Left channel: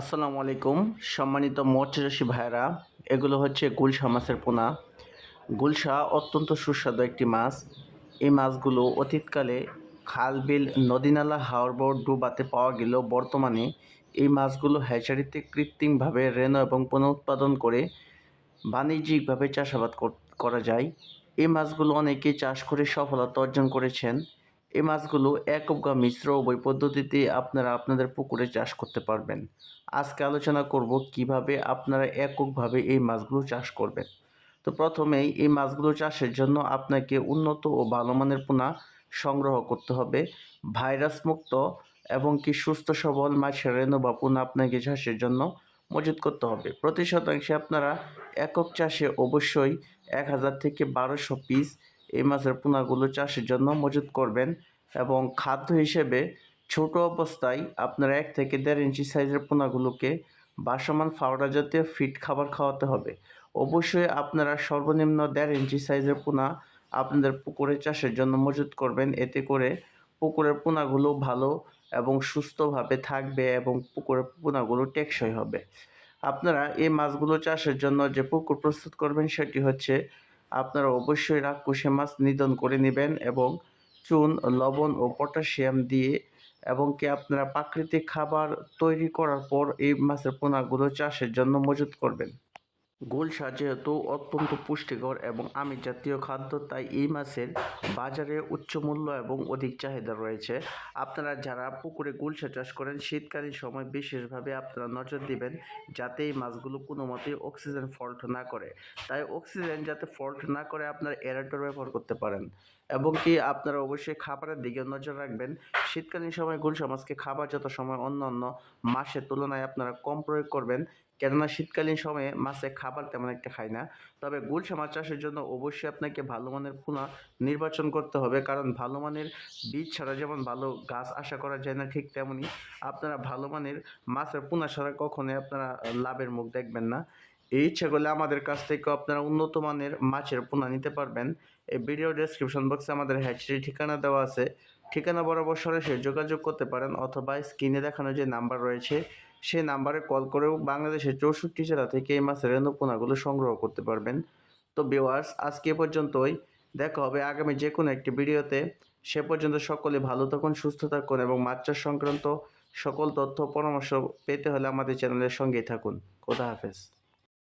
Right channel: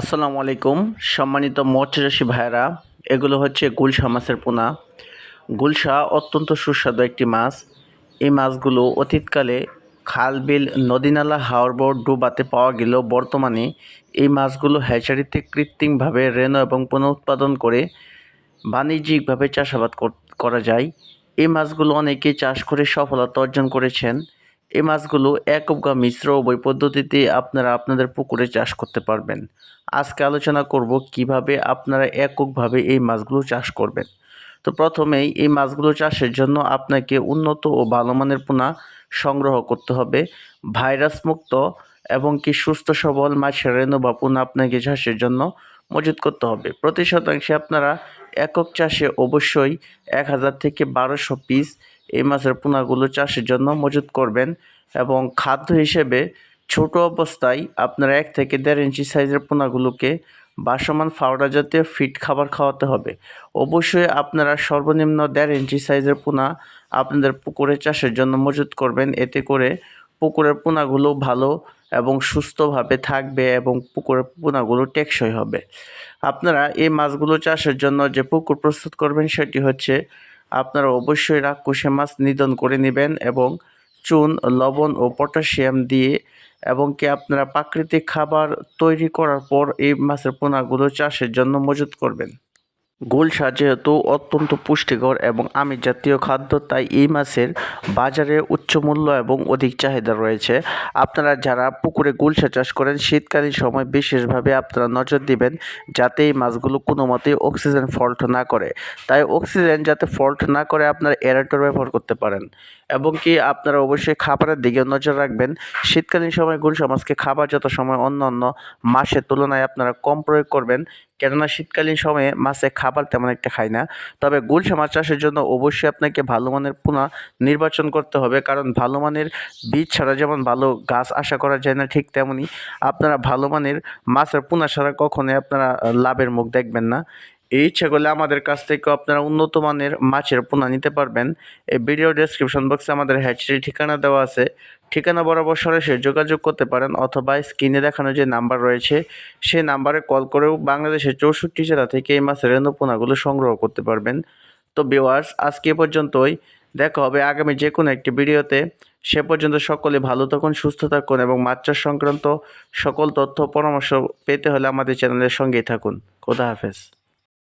আসসালামু আলাইকুম। সম্মানিত মৎস্যচাষী ভাইয়েরা, এগুলো হচ্ছে গুলশা মাছের পোনা। গুলশা অত্যন্ত সুস্বাদু একটি মাছ। এই মাছগুলো অতীতকালে খাল বিল নদীনালা হাওড় ডুবাতে পাওয়া গেলেও বর্তমানে এই মাছগুলো হ্যাচারিতে কৃত্রিমভাবে রেণু এবং পুনঃউৎপাদন করে বাণিজ্যিকভাবে চাষাবাদ করা যায়। এই মাছগুলো অনেকে চাষ করে সফলতা অর্জন করেছেন। এই মাছগুলো একক বা মিশ্র উভয় পদ্ধতিতে আপনারা আপনাদের পুকুরে চাষ করতে পারবেন। আজকে আলোচনা করব কীভাবে আপনারা এককভাবে এই মাছগুলো চাষ করবেন। তো প্রথমেই এই মাছগুলো চাষের জন্য আপনাকে উন্নত ও ভালো মানের পোনা সংগ্রহ করতে হবে। ভাইরাস মুক্ত এবং কি সুস্থ সবল মাছের রেণু বা পোনা আপনাকে চাষের জন্য মজুত করতে হবে। প্রতি শতাংশে আপনারা একক চাষে অবশ্যই এক হাজার থেকে বারোশো পিস এই মাছের পোনাগুলো চাষের জন্য মজুত করবেন এবং খাদ্য হিসেবে ছোট অবস্থায় আপনারা এক থেকে দেড় ইঞ্চি সাইজের পোনাগুলোকে বাসমান ফাউডার জাতীয় ফিট খাবার খাওয়াতে হবে। অবশ্যই আপনারা সর্বনিম্ন দেড় ইঞ্চি সাইজের পোনা আপনাদের পুকুরে চাষের জন্য মজুত করবেন। এতে করে পুকুরের পোনাগুলো ভালো এবং সুস্থভাবে থাকবে এবং পুকুরের পোনাগুলো টেকসই হবে। আপনারা এই মাছগুলো চাষের জন্য যে পুকুর প্রস্তুত করবেন সেটি হচ্ছে আপনারা অবশ্যই রাক্ষসে মাছ নিধন করে নেবেন এবং চুন, লবণ ও পটাশিয়াম দিয়ে এবং কি আপনারা প্রাকৃতিক খাবার তৈরি করার পর এই মাছের পোনাগুলো চাষের জন্য মজুত করবেন। গুলশা যেহেতু অত্যন্ত পুষ্টিকর এবং আমিষ জাতীয় খাদ্য, তাই এই মাছের বাজারে উচ্চ মূল্য এবং অধিক চাহিদা রয়েছে। আপনারা যারা পুকুরে গুলশা চাষ করেন, শীতকালীন সময় বিশেষভাবে আপনারা নজর দিবেন যাতে এই মাছগুলো কোনো মতেই অক্সিজেন ফল্ট না করে। তাই অক্সিজেন যাতে ফল্ট না করে, আপনারা এরাটর ব্যবহার করতে পারেন। এবং কি আপনারা অবশ্যই খাবারের দিকে নজর রাখবেন। শীতকালীন সময় গুলশা সমাজকে খাবার যত সময় অন্য অন্য মাসের তুলনায় আপনারা কম প্রয়োগ করবেন। কেননা শীতকালীন সময়ে মাছে খাবার তেমন একটা খায় না। তবে গুলশা মাছ চাষের জন্য অবশ্যই আপনাকে ভালো মানের পোনা নির্বাচন করতে হবে। কারণ ভালো মানের বীজ ছাড়া যেমন ভালো গাছ আশা করা যায় না ঠিক তেমনই আপনারা ভালো মানের মাছের পোনা ছাড়া কখনোই আপনারা লাভের মুখ দেখবেন না। এই ইচ্ছা আমাদের কাছ থেকে আপনারা উন্নত মানের মাছের পোনা নিতে পারবেন। এই ভিডিও ডেসক্রিপশন বক্সে আমাদের হ্যাচারি ঠিকানা দেওয়া আছে। ঠিকানা বরাবর সরাসরি যোগাযোগ করতে পারেন অথবা স্ক্রিনে দেখানো যে নাম্বার রয়েছে, সেই নাম্বারে কল করেও বাংলাদেশের চৌষট্টি জেলা থেকে এই মাছের পোনাগুলো সংগ্রহ করতে পারবেন। তো বিওয়ার্স আজকে পর্যন্তই। দেখা হবে আগামী যে কোনো একটি ভিডিওতে। সে পর্যন্ত সকলে ভালো থাকুন, সুস্থ থাকুন এবং মাছ চাষ সংক্রান্ত সকল তথ্য পরামর্শ পেতে হলে আমাদের চ্যানেলের সঙ্গেই থাকুন। খোদা হাফেজ।